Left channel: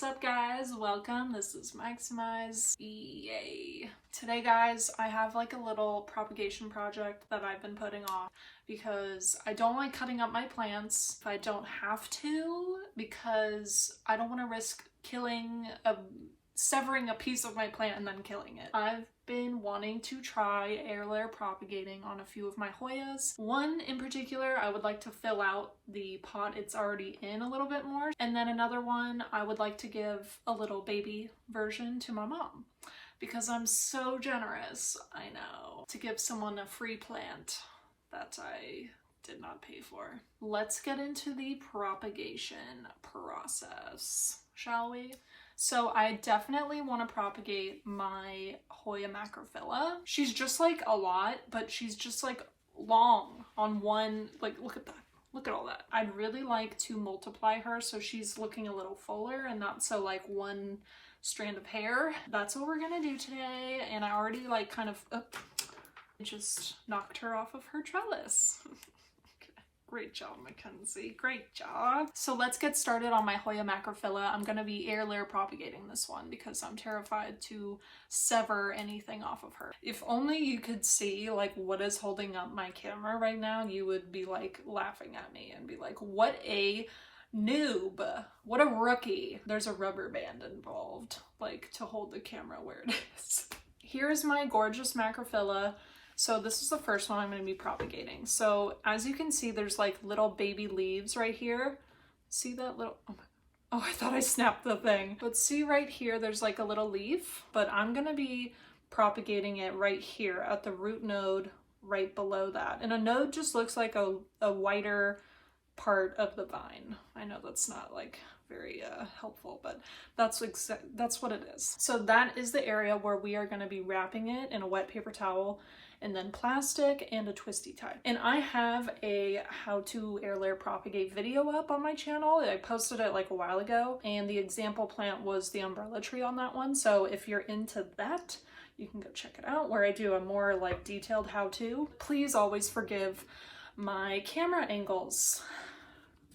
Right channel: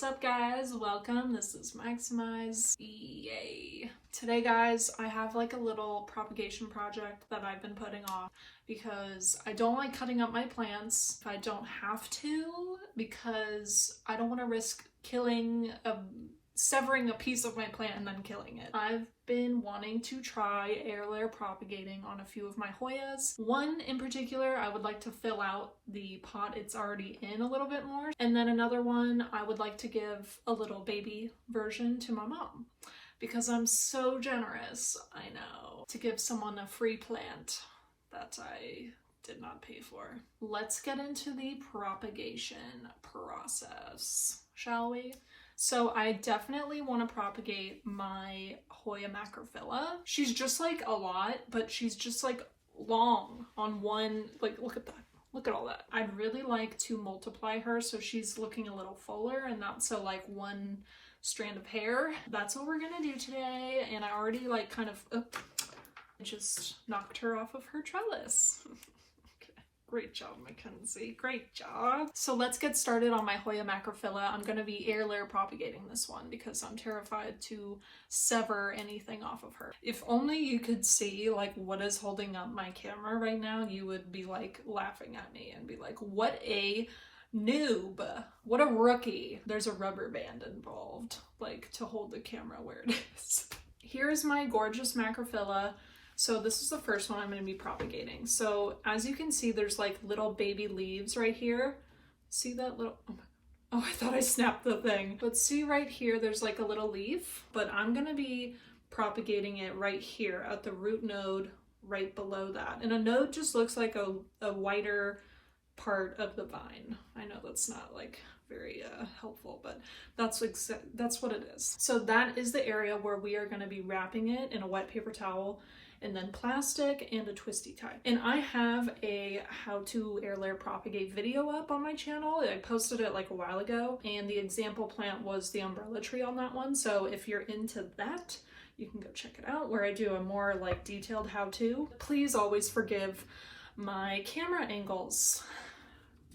What's up guys? Welcome. This is Maximize. Yay. Today guys, I have like a little propagation project that I've been putting off because I don't like cutting up my plants if I don't have to, because I don't want to risk severing a piece of my plant and then killing it. I've been wanting to try air layer propagating on a few of my Hoyas. One in particular, I would like to fill out the pot it's already in a little bit more. And then another one, I would like to give a little baby version to my mom because I'm so generous, I know, to give someone a free plant that I did not pay for. Let's get into the propagation process, shall we? So I definitely want to propagate my Hoya Macrophylla. She's just like a lot, but she's just like long on one, like look at that. Look at all that. I'd really like to multiply her so she's looking a little fuller and not so like one strand of hair. That's what we're gonna do today. And I already like kind of just knocked her off of her trellis. Great job, Mackenzie. Great job. So let's get started on my Hoya Macrophylla. I'm going to be air layer propagating this one because I'm terrified to sever anything off of her. If only you could see like what is holding up my camera right now, you would be like laughing at me and be like, what a noob. What a rookie. There's a rubber band involved, like to hold the camera where it is. Here's my gorgeous Macrophylla. So this is the first one I'm going to be propagating. So as you can see, there's like little baby leaves right here. See that little, oh, I thought I snapped the thing. But see right here, there's like a little leaf, but I'm going to be propagating it right here at the root node right below that. And a node just looks like a wider part of the vine. I know that's not like very helpful, but that's what it is. So that is the area where we are going to be wrapping it in a wet paper towel, and then plastic and a twisty tie. And I have a how to air layer propagate video up on my channel. I posted it like a while ago, and the example plant was the umbrella tree on that one. So if you're into that, you can go check it out, where I do a more like detailed how to. Please always forgive my camera angles.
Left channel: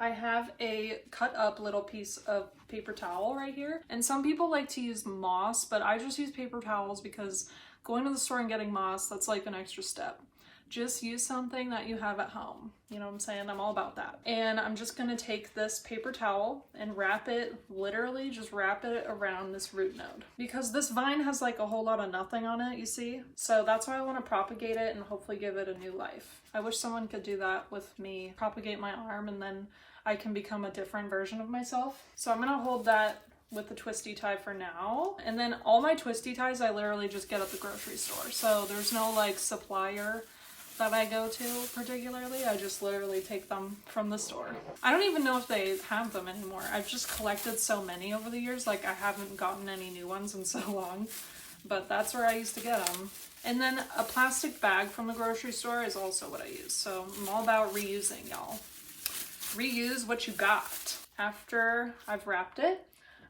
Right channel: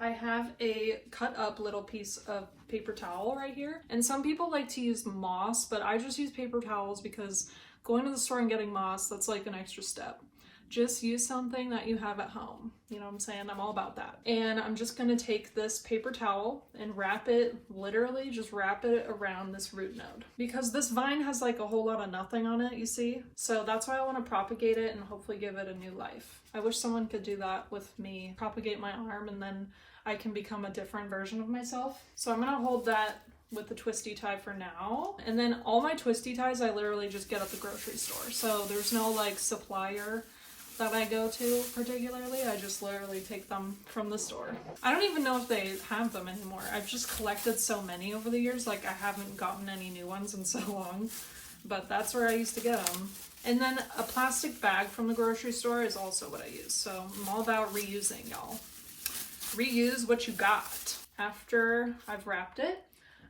I have a cut up little piece of paper towel right here. And some people like to use moss, but I just use paper towels because going to the store and getting moss, that's like an extra step. Just use something that you have at home. You know what I'm saying? I'm all about that. And I'm just gonna take this paper towel and wrap it, literally just wrap it around this root node. Because this vine has like a whole lot of nothing on it, you see? So that's why I wanna propagate it and hopefully give it a new life. I wish someone could do that with me, propagate my arm, and then I can become a different version of myself. So I'm gonna hold that with the twisty tie for now. And then all my twisty ties I literally just get at the grocery store. So there's no like supplier that I go to particularly. I just literally take them from the store. I don't even know if they have them anymore. I've just collected so many over the years, like I haven't gotten any new ones in so long, but that's where I used to get them. And then a plastic bag from the grocery store is also what I use. So I'm all about reusing, y'all. Reuse what you got. After I've wrapped it,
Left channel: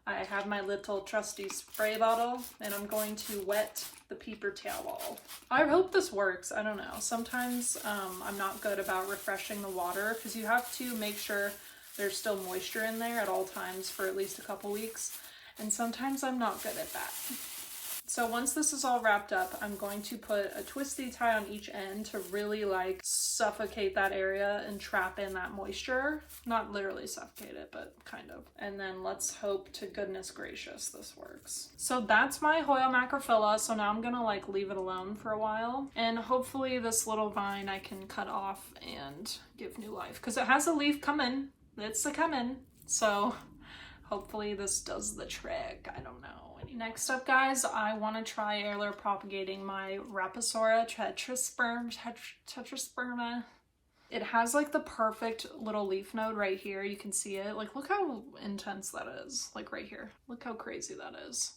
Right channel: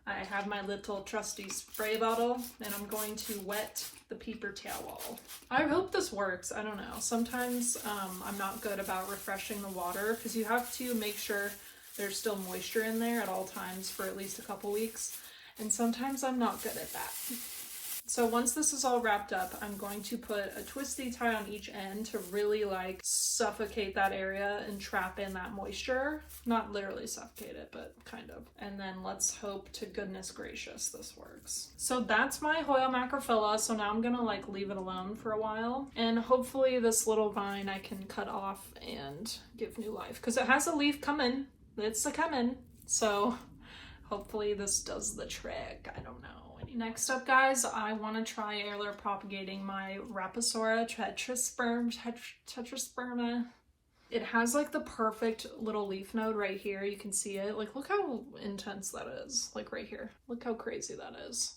I have my little trusty spray bottle, and I'm going to wet the paper towel. I hope this works. I don't know. Sometimes I'm not good about refreshing the water because you have to make sure there's still moisture in there at all times for at least a couple weeks. And sometimes I'm not good at that. So once this is all wrapped up, I'm going to put a twisty tie on each end to really like suffocate that area and trap in that moisture. Not literally suffocate it, but kind of. And then let's hope to goodness gracious this works. So that's my Hoya Macrophylla. So now I'm gonna like leave it alone for a while. And hopefully this little vine I can cut off and give new life. Because it has a leaf coming. It's a coming. So hopefully this does the trick. I don't know. Next up, guys, I want to try air layer propagating my Raposa tetrasperma. It has like the perfect little leaf node right here. You can see it. Like, look how intense that is. Like right here. Look how crazy that is.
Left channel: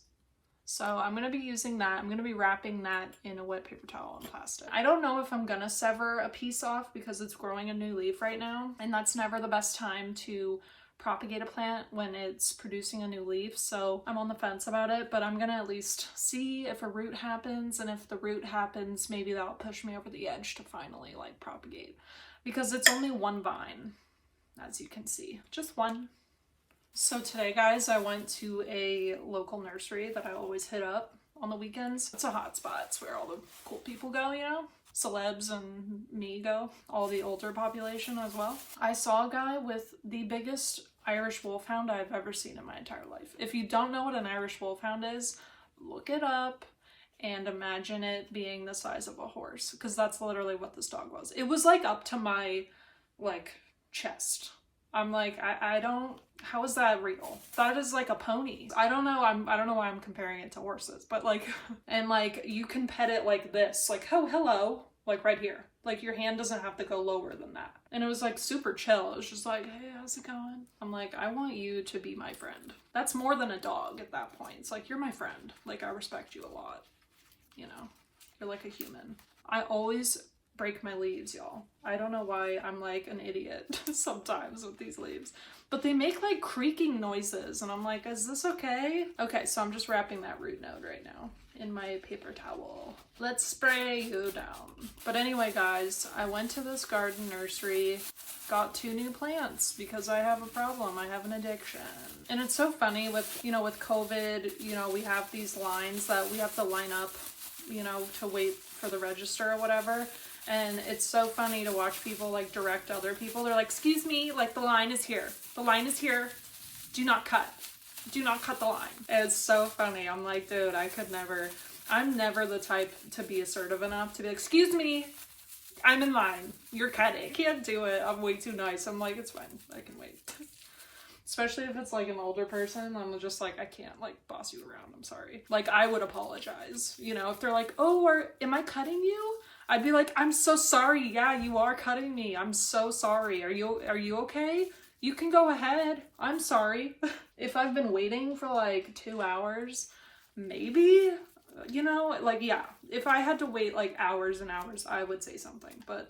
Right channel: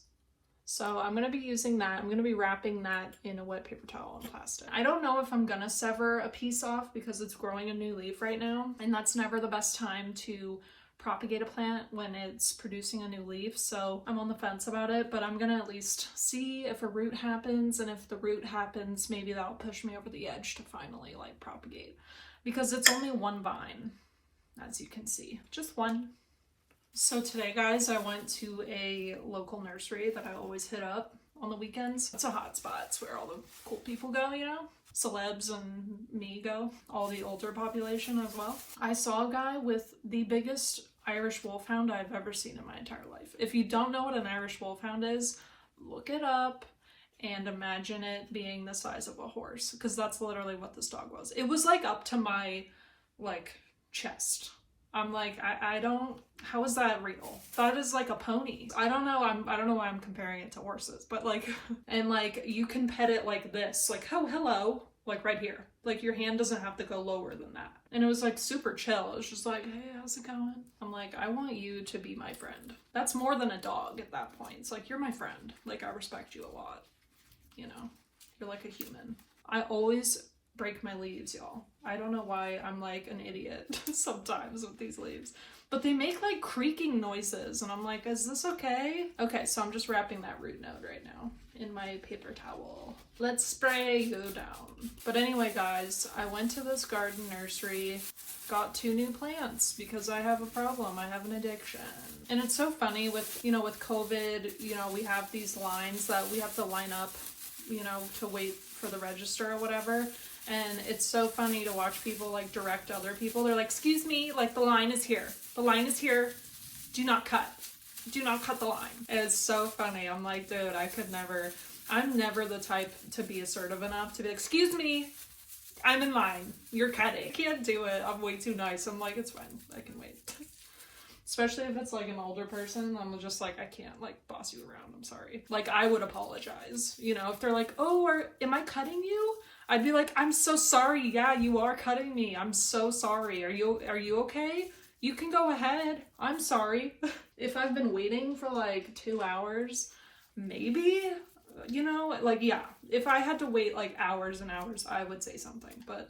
So I'm going to be using that. I'm going to be wrapping that in a wet paper towel and plastic. I don't know if I'm going to sever a piece off because it's growing a new leaf right now. And that's never the best time to propagate a plant when it's producing a new leaf, so I'm on the fence about it, but I'm gonna at least see if a root happens, and if the root happens, maybe that'll push me over the edge to finally like propagate, because it's only one vine, as you can see, just one. So today, guys, I went to a local nursery that I always hit up on the weekends. It's a hot spot. It's where all the cool people go, you know? Celebs and me go. All the older population as well. I saw a guy with the biggest Irish Wolfhound I've ever seen in my entire life. If you don't know what an Irish Wolfhound is, look it up and imagine it being the size of a horse, because that's literally what this dog was. It was like up to my like chest. I'm like, I don't, how is that real? That is like a pony. I don't know, I don't know why I'm comparing it to horses, but like, and like you can pet it like this, like, oh, hello, like right here. Like your hand doesn't have to go lower than that. And it was like super chill. It was just like, hey, how's it going? I'm like, I want you to be my friend. That's more than a dog at that point. It's like, you're my friend. Like, I respect you a lot. You know, you're like a human. I always break my leaves, y'all. I don't know why I'm like an idiot sometimes with these leaves, but they make like creaking noises and I'm like, is this okay? Okay, so I'm just wrapping that root node right now in my paper towel. Let's spray you down. But anyway, guys, I went to this garden nursery, got 2 new plants because I have a problem. I have an addiction. And it's so funny with, you know, with COVID, you know, we have these lines that we have to line up, you know, to wait for the register or whatever. And it's so funny to watch people like direct other people. They're like, excuse me, like the line is here. The line is here. Do not cut. Do not cut the line. It's so funny. I'm like, dude, I could never, I'm never the type to be assertive enough to be like, excuse me, I'm in line. You're cutting. I can't do it. I'm way too nice. I'm like, it's fine. I can wait. Especially if it's like an older person, I'm just like, I can't like boss you around. I'm sorry. Like I would apologize, you know, if they're like, oh, am I cutting you? I'd be like, I'm so sorry. Yeah, you are cutting me. I'm so sorry. Are you okay? You can go ahead. I'm sorry. If I've been waiting for like 2 hours, maybe, you know, like, yeah, if I had to wait like hours and hours, I would say something. But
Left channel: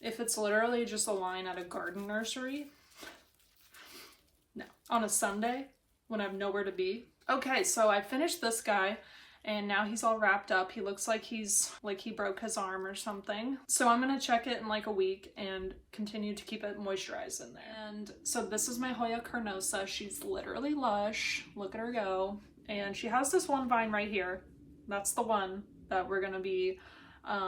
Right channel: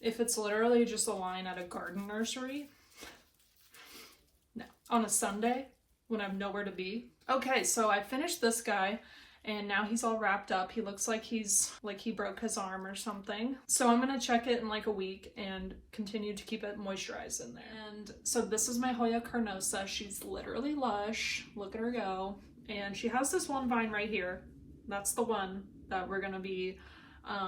if it's literally just a line at a garden nursery, no. On a Sunday when I have nowhere to be. Okay, so I finished this guy. And now he's all wrapped up. He looks like he broke his arm or something. So I'm gonna check it in like a week and continue to keep it moisturized in there. And so this is my Hoya Carnosa. She's literally lush. Look at her go. And she has this one vine right here. That's the one that we're gonna be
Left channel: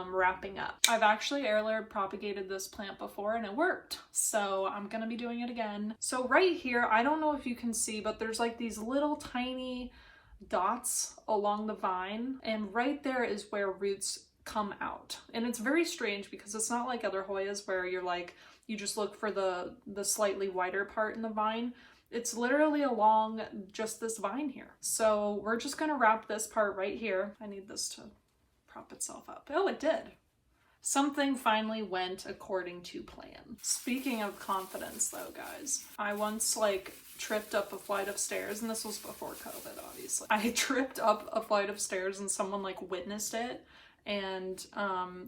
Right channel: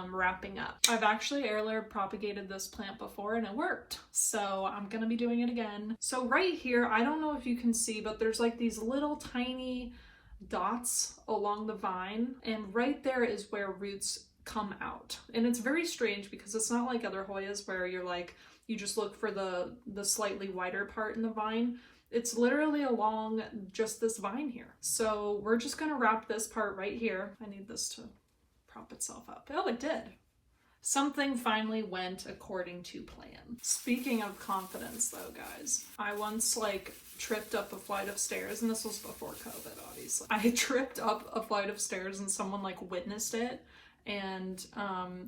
wrapping up. I've actually air propagated this plant before and it worked. So I'm gonna be doing it again. So right here, I don't know if you can see, but there's like these little tiny dots along the vine, and right there is where roots come out. And it's very strange because it's not like other Hoyas where you're like, you just look for the slightly wider part in the vine. It's literally along just this vine here. So we're just gonna wrap this part right here. I need this to prop itself up. Oh, it did. Something finally went according to plan. Speaking of confidence though, guys, I once like tripped up a flight of stairs, and this was before COVID, obviously. I tripped up a flight of stairs and someone like witnessed it, and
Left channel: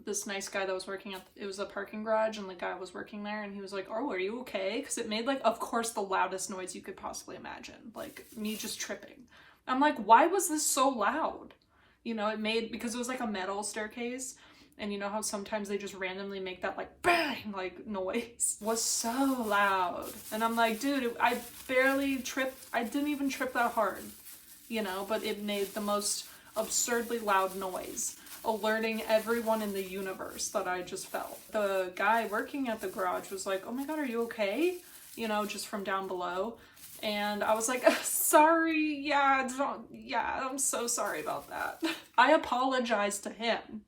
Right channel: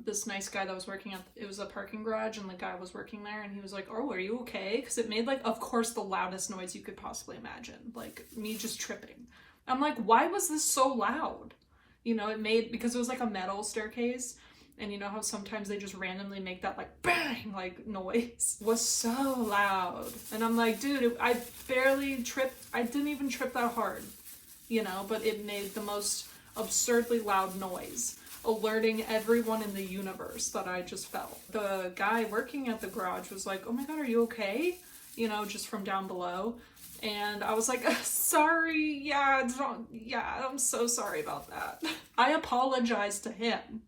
this nice guy that was working at, it was a parking garage, and the guy was working there, and he was like, oh, are you okay? Because it made like, of course, the loudest noise you could possibly imagine, like me just tripping. I'm like, why was this so loud? You know, it made, because it was like a metal staircase, and you know how sometimes they just randomly make that like bang, like noise? It was so loud. And I'm like, dude, I barely tripped. I didn't even trip that hard, you know, but it made the most absurdly loud noise, alerting everyone in the universe that I just felt. The guy working at the garage was like, oh my God, are you okay? You know, just from down below. And I was like, sorry, yeah, I'm so sorry about that. I apologized to him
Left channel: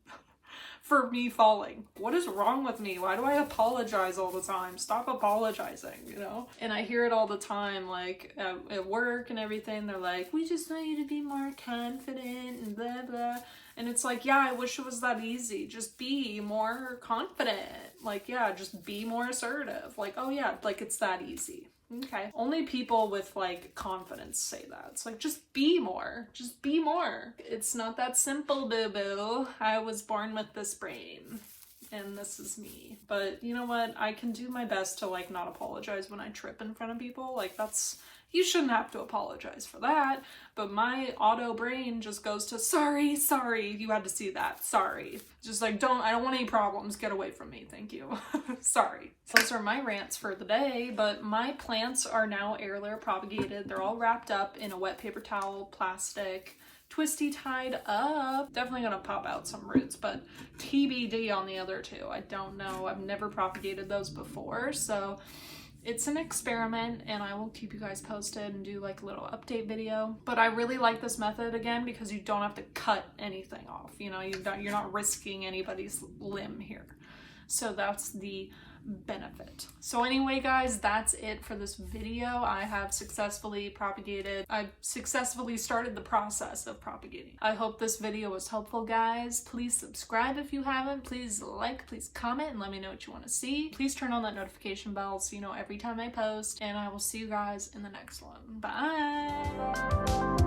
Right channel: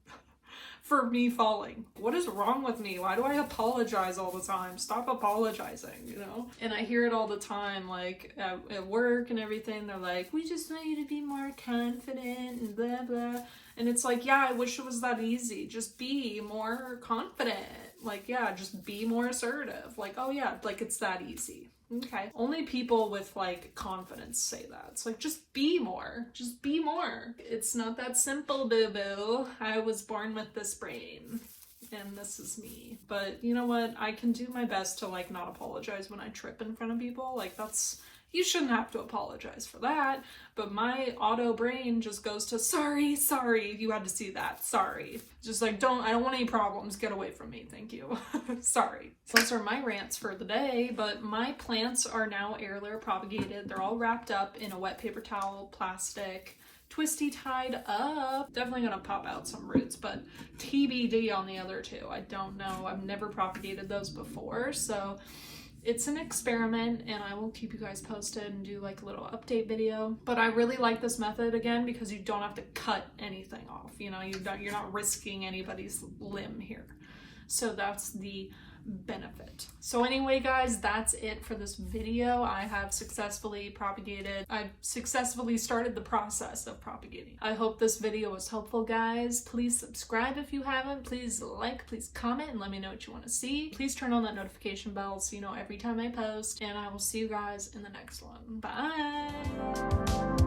for me falling. What is wrong with me? Why do I apologize all the time? Stop apologizing, you know? And I hear it all the time, like at work and everything. They're like, we just want you to be more confident and blah, blah. And it's like, yeah, I wish it was that easy. Just be more confident. Like, yeah, just be more assertive. Like, oh yeah, like it's that easy. Okay. Only people with like confidence say that. It's like, just be more. Just be more. It's not that simple, boo-boo. I was born with this brain. and this is me. But you know what? I can do my best to like not apologize when I trip in front of people. Like that's, you shouldn't have to apologize for that. But my auto brain just goes to sorry, you had to see that, sorry. Just like, I don't want any problems, get away from me, thank you. Sorry. Those are my rants for the day, but my plants are now air layer propagated. They're all wrapped up in a wet paper towel, plastic, twisty tied up. Definitely gonna pop out some roots, but TBD on the other two. I don't know. I've never propagated those before, so it's an experiment and I will keep you guys posted and do like a little update video. But I really like this method again because you don't have to cut anything off. You know, you're not risking anybody's limb here. So that's the benefit. So anyway guys, that's it for this video. I have successfully propagated. I've successfully started the process of propagating. I hope this video was helpful, guys. Please subscribe if you haven't. Please like, please comment, and let me know what you want to see. Please turn on that notification bell so you know every time I post, and I will see you guys in the next one. Bye!